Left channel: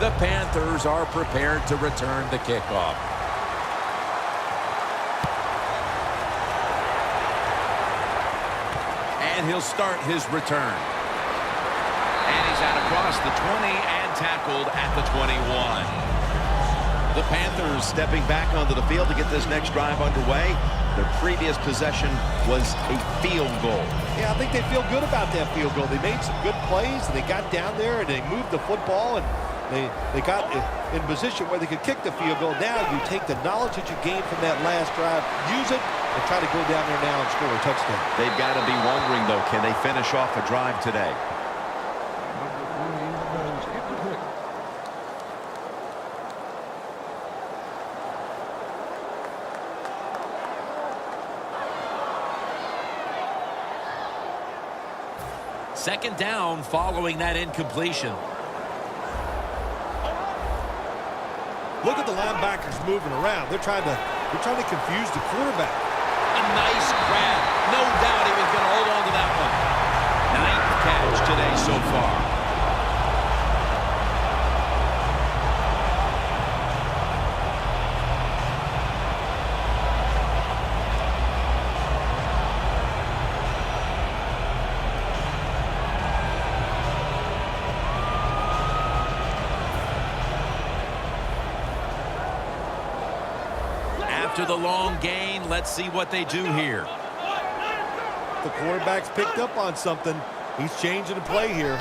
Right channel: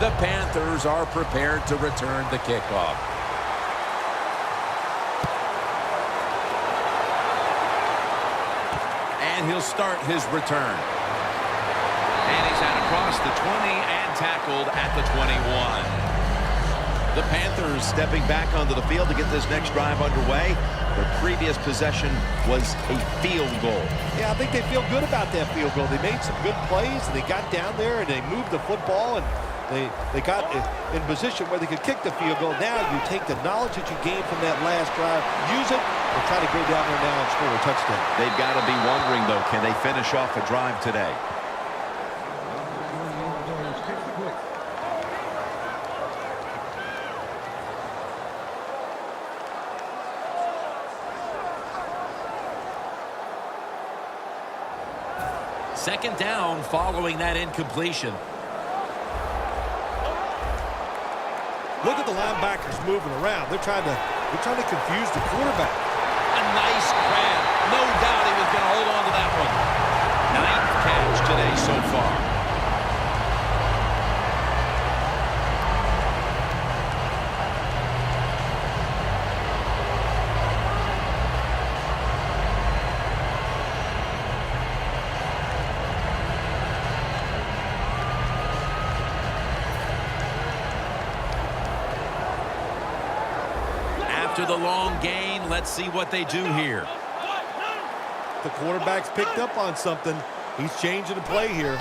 The Panthers are prepared to return the kickoff. And he'll start his return. And he's out across the 20 and tackled at the 21. The Panthers stepping back onto the field to get this next drive underway. Their previous possession was a field goal. Yeah, I think they feel good about that field goal. They made some good plays, and they got down there, and they moved the football, and they got in position where they could kick the field goal. Now you take the knowledge that you gained from that last drive, use it, and try to go down there now and score a touchdown. They've got to be wondering, though, can they finish off a drive today? Second down following that incompletion. Look at the linebackers moving around. They're trying to confuse the quarterback. A nice grab. No doubt he was going to hold on to that one. Ninth catch today so far. After the long gain, let's see what they do here. The quarterback's picked up on something. He's changing the play here.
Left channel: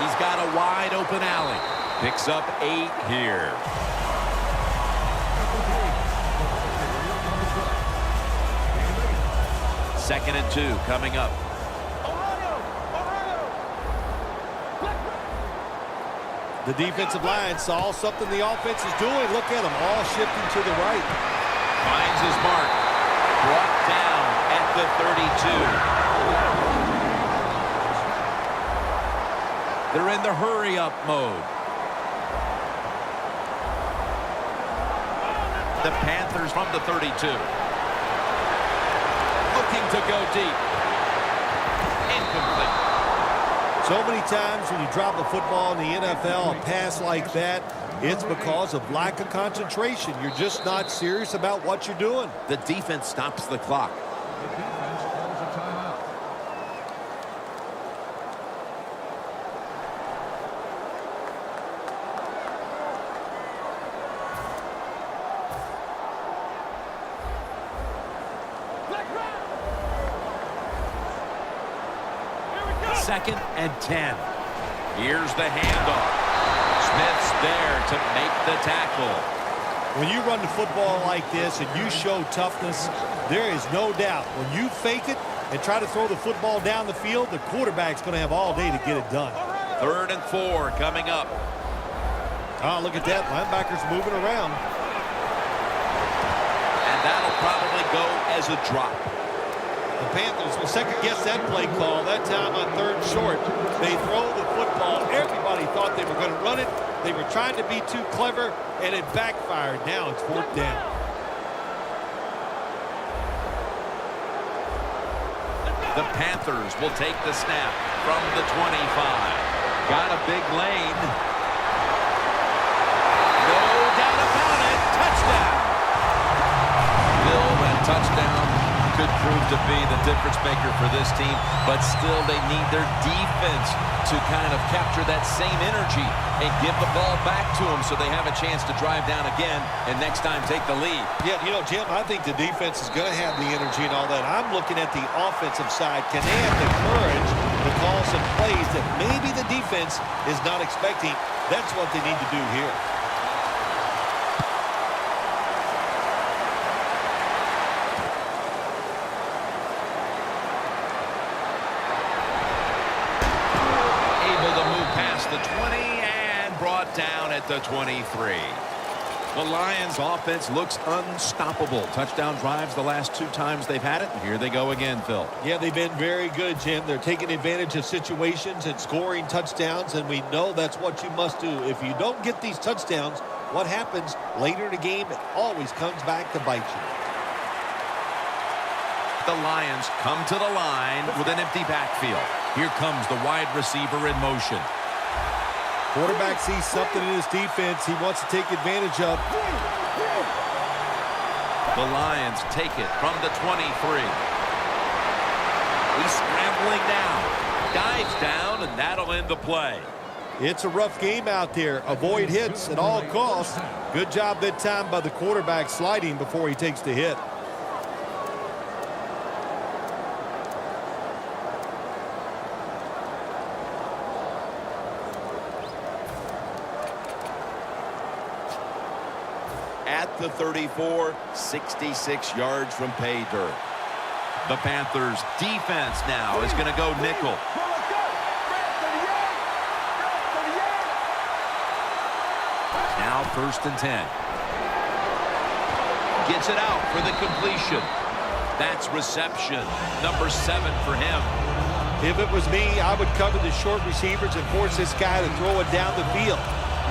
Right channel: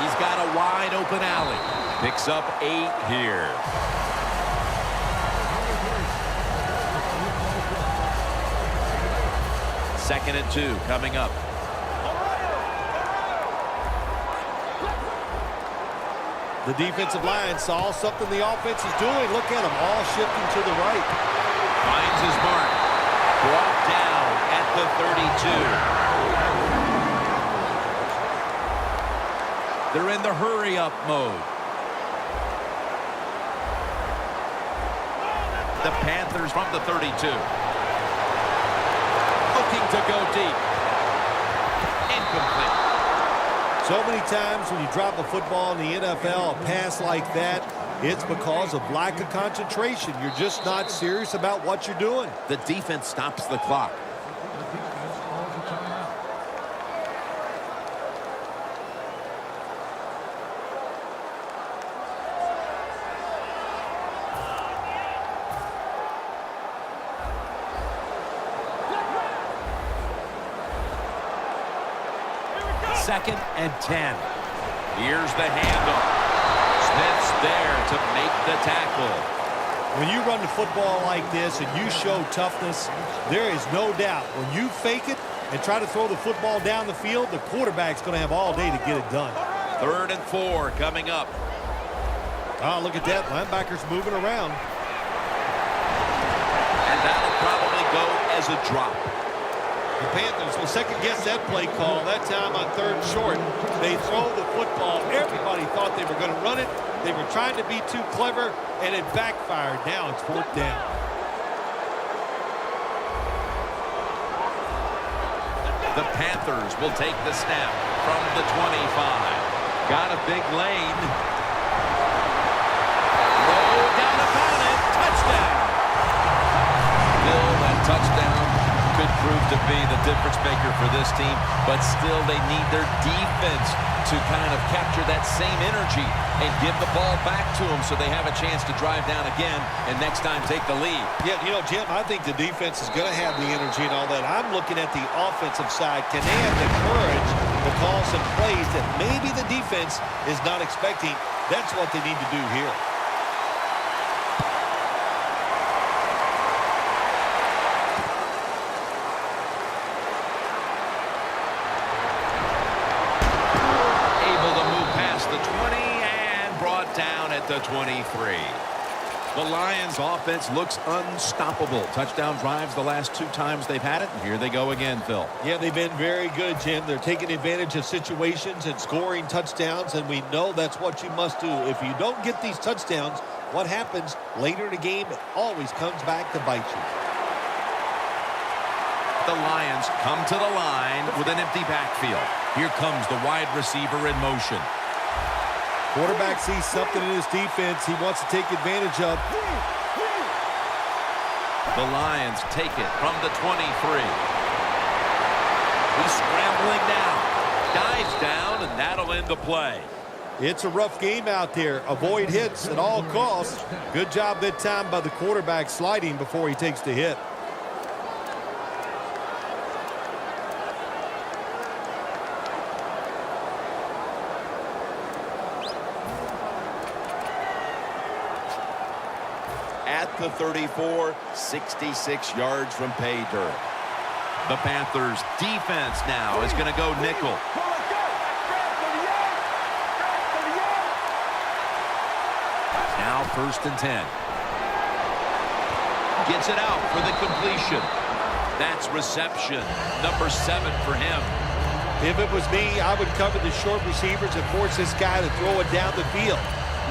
He's got a wide open alley. Picks up 8 here. Second and 2 coming up. The defensive line saw something the offense is doing. Look at them all shifting to the right. Finds his mark. Brought down at the 32. They're in the hurry-up mode. The Panthers from the 32. Looking to go deep. Incomplete. So many times when you drop a football in the NFL, a pass like that, it's because of lack of concentration. You're just not serious about what you're doing. The defense stops the clock. Second and 10. Here's the handoff. Smith's there to make the tackle. When you run the football like this and you show toughness, there is no doubt when you fake it and try to throw the football down the field, the quarterback's going to have all day to get it done. Third and 4 coming up. Oh, look at that. Linebackers moving around. And that'll probably go as a drop. The Panthers will second-guess that play call. That time on third and short, they throw the football. Everybody thought they were going to run it. They were trying to be too clever, and it backfired. Now it's fourth down. The Panthers will take the snap from the 25. Got a big lane. No doubt about it. Touchdown. Bill, that touchdown could prove to be the difference maker for this team, but still they need their defense to kind of capture that same energy and give the ball back to them so they have a chance to drive down again and next time take the lead. Yeah, you know, Jim, I think the defense is going to have the energy and all that. I'm looking at the offensive side. Can they have the courage to call some plays that maybe the defense is not expecting? That's what they need to do here. The 20 and brought down at the 23. The Lions offense looks unstoppable. Touchdown drives the last 2 times they've had it. And here they go again, Phil. Yeah, they've been very good, Jim. They're taking advantage of situations and scoring touchdowns, and we know that's what you must do. If you don't get these touchdowns, what happens later in the game, it always comes back to bite you. The Lions come to the line with an empty backfield. Here comes the wide receiver in motion. Quarterback sees something in his defense he wants to take advantage of. The Lions take it from the 23. He's scrambling down. Dives down, and that'll end the play. It's a rough game out there. Avoid hits at all costs. Good job that time by the quarterback sliding before he takes the hit. At the 34, 66 yards from pay dirt. The Panthers defense now is going to go nickel. Now 1st and 10. Gets it out for the completion. That's reception number 7 for him. If it was me, I would cover the short receivers and force this guy to throw it down the field.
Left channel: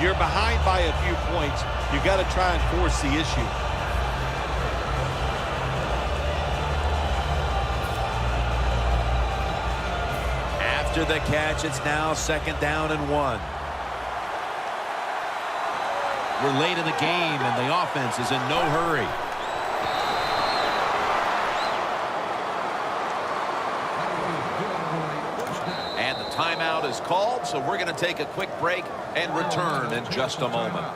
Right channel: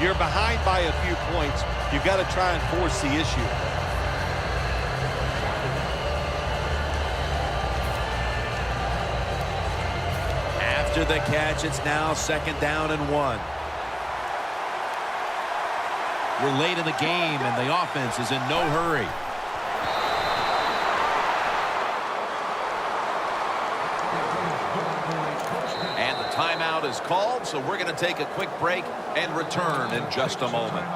You're behind by a few points. You've got to try and force the issue. After the catch, it's now 2nd down and 1. We're late in the game, and the offense is in no hurry. And the timeout is called, so we're going to take a quick break and return in just a moment.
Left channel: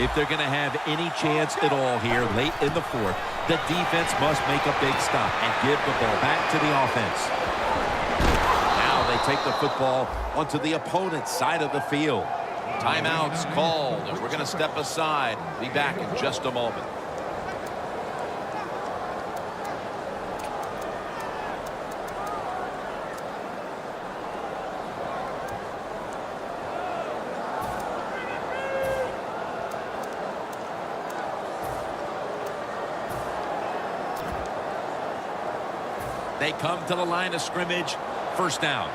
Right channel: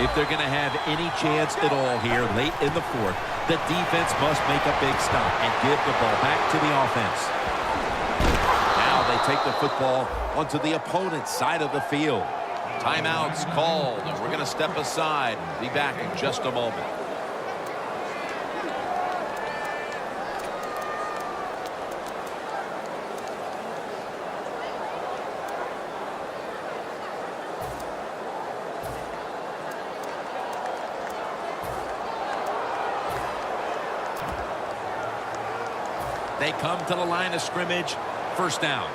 If they're going to have any chance at all here late in the 4th, the defense must make a big stop and give the ball back to the offense. Now they take the football onto the opponent's side of the field. Timeout's called, and we're going to step aside and be back in just a moment. They come to the line of scrimmage. 1st down.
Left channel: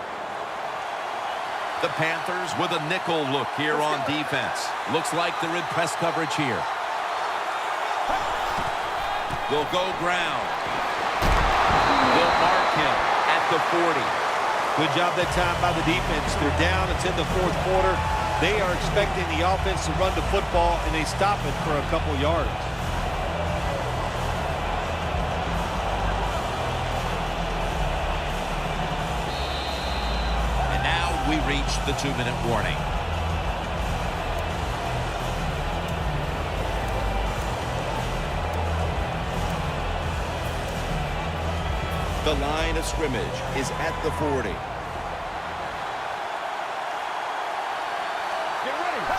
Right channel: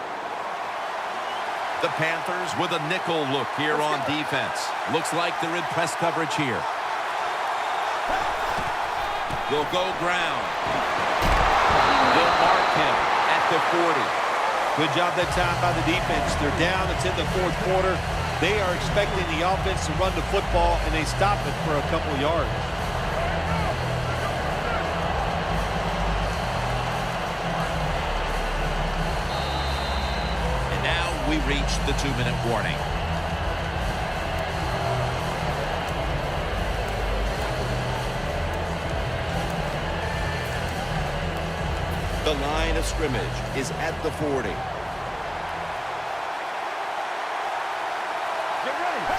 The Panthers with a nickel look here on defense. Looks like they're in press coverage here. They'll go ground. They'll mark him at the 40. Good job that time by the defense. They're down. It's in the 4th quarter. They are expecting the offense to run the football, and they stop it for a couple yards. We reach the 2-minute warning. The line of scrimmage is at the 40.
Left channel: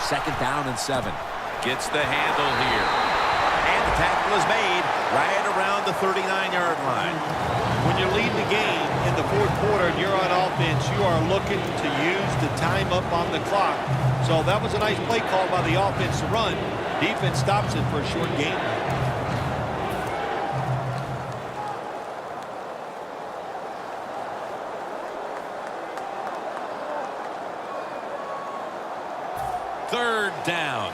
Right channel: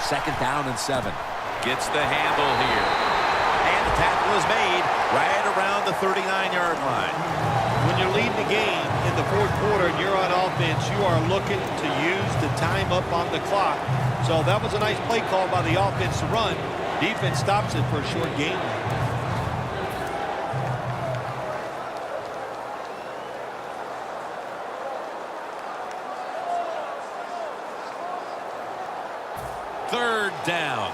2nd down and 7. Gets the handle here. And the tackle is made right around the 39-yard line. When you're leading the game in the 4th quarter and you're on offense, you are looking to use the time up on the clock. So that was a nice play call by the offense to run. Defense stops it for a short gain. Third down.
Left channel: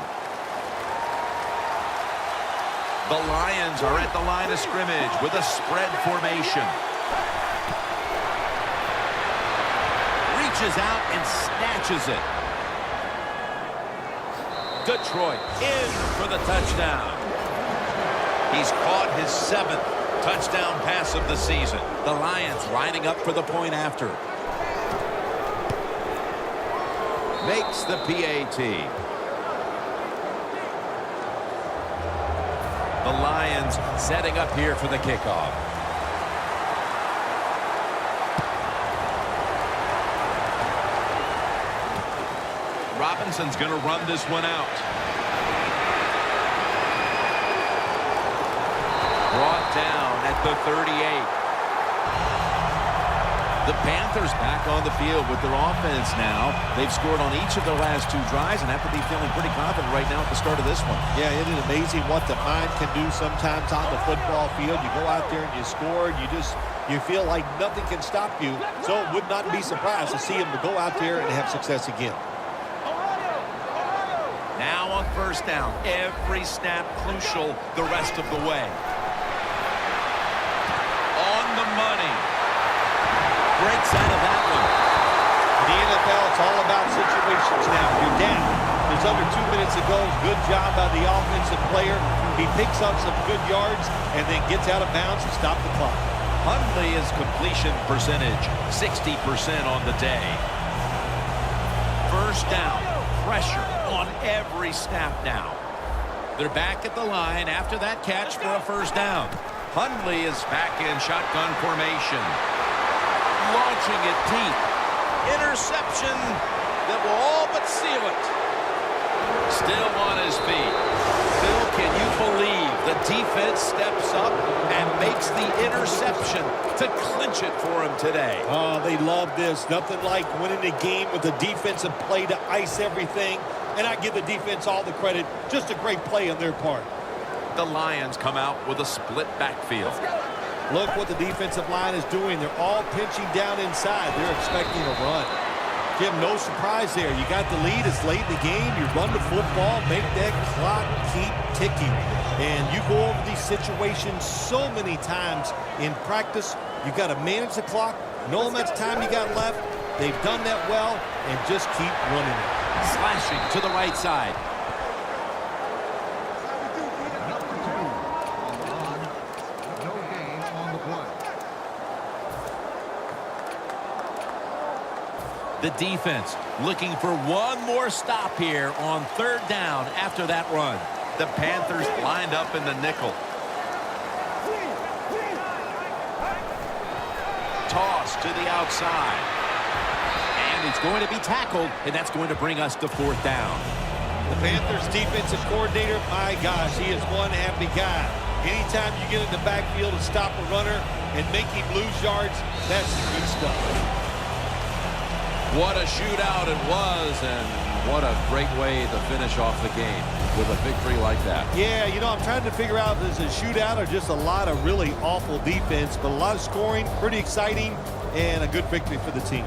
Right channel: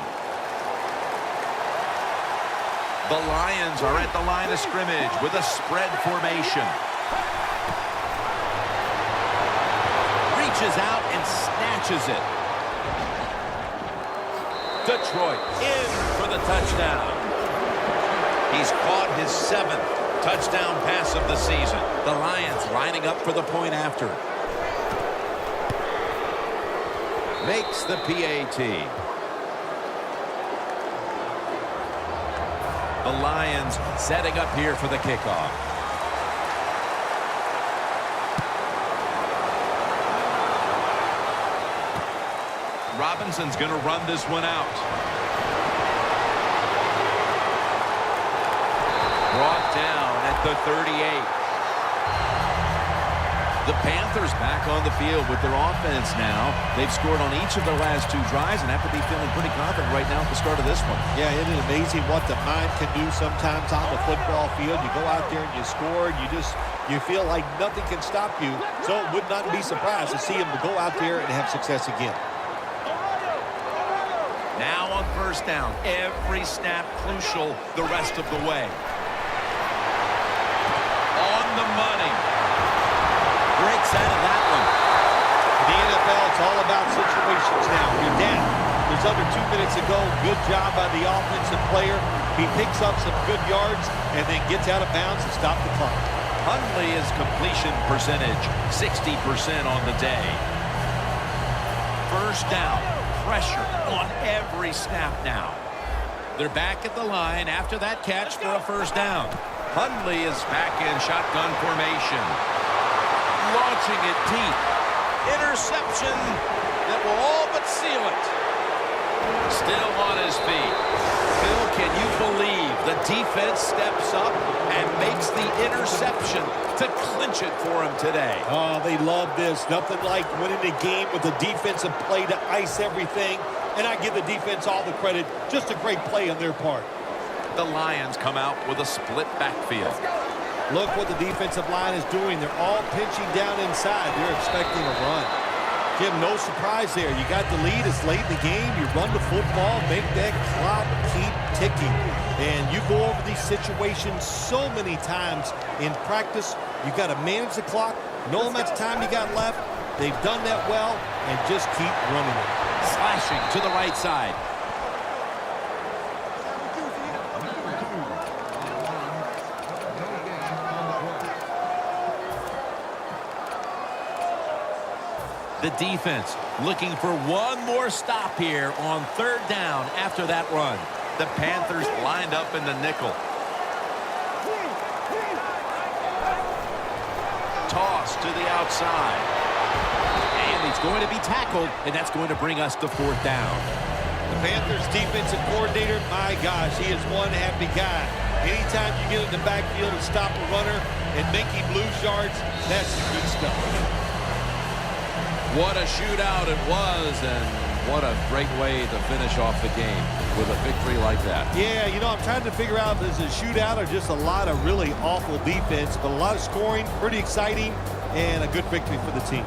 The Lions are at the line of scrimmage with a spread formation. Reaches out and snatches it. Detroit in for the touchdown. He's caught his 7th touchdown pass of the season. The Lions lining up for the point after. Makes the PAT. The Lions setting up here for the kickoff. Robinson's going to run this one out. Brought down at the 38. The Panthers back on the field with their offense now. They've scored on each of their last 2 drives and have to be feeling pretty confident right now at the start of this one. Yeah, it is amazing what the mind can do sometimes on the football field. You go out there and you score, and you feel like nothing can stop you. So it would not be surprised to see him to go out there and have success again. Now on first down, every snap crucial the rest of the way. On the money. Breaks out of that one. In the NFL, it's all about situations now. You're down. There's under 2 minutes to go. Good job by the offensive player. He picks up some good yards and then gets out of bounds to stop the clock. Hundley's completion percentage, 60% on the day. First down. Pressure on every snap now. They're back at the line after that catch for a first down. Hundley is back in shotgun formation. Launching it deep. Interception that will all but seal it. Still on his feet. Phil, can you believe the defense steps up and makes the interception to clinch it for him today? Oh, they love this. Nothing like winning the game with a defensive play to ice everything. And I give the defense all the credit. Just a great play on their part. The Lions come out with a split backfield. Look what the defensive line is doing. They're all pinching down inside. They're expecting a run. Jim, no surprise there. You got the lead. It's late in the game. You run the football, make that clock keep ticking. And you go over these situations so many times in practice. You got to manage the clock, know how much time you got left. They've done that well, and just keep running it. Slashing to the right side. The defense looking for one more stop here on third down after that run. The Panthers lined up in the nickel. Toss to the outside. And he's going to be tackled, and that's going to bring us to fourth down. The Panthers defensive coordinator, my gosh, he is one happy guy. Anytime you get in the backfield and stop a runner and make him lose yards, that's good stuff. What a shootout it was, and what a great way to finish off the game with a victory like that. Yeah, you know, I'm trying to figure out if it's a shootout or just a lot of really awful defense, but a lot of scoring, pretty exciting, and a good victory for the team.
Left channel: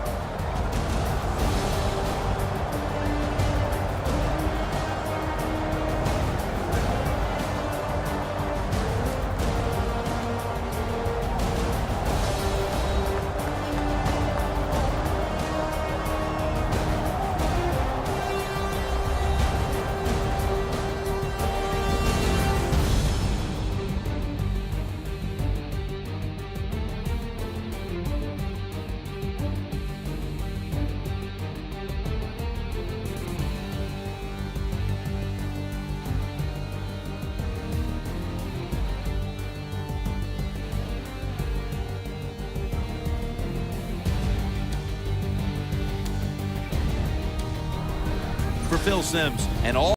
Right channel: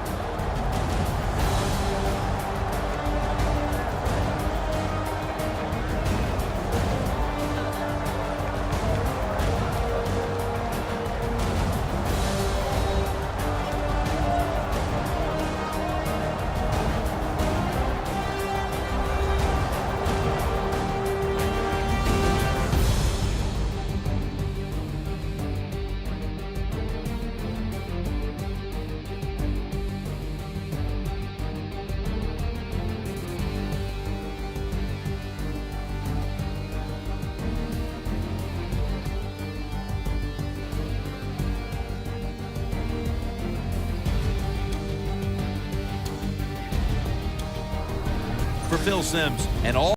For Phil Simms and all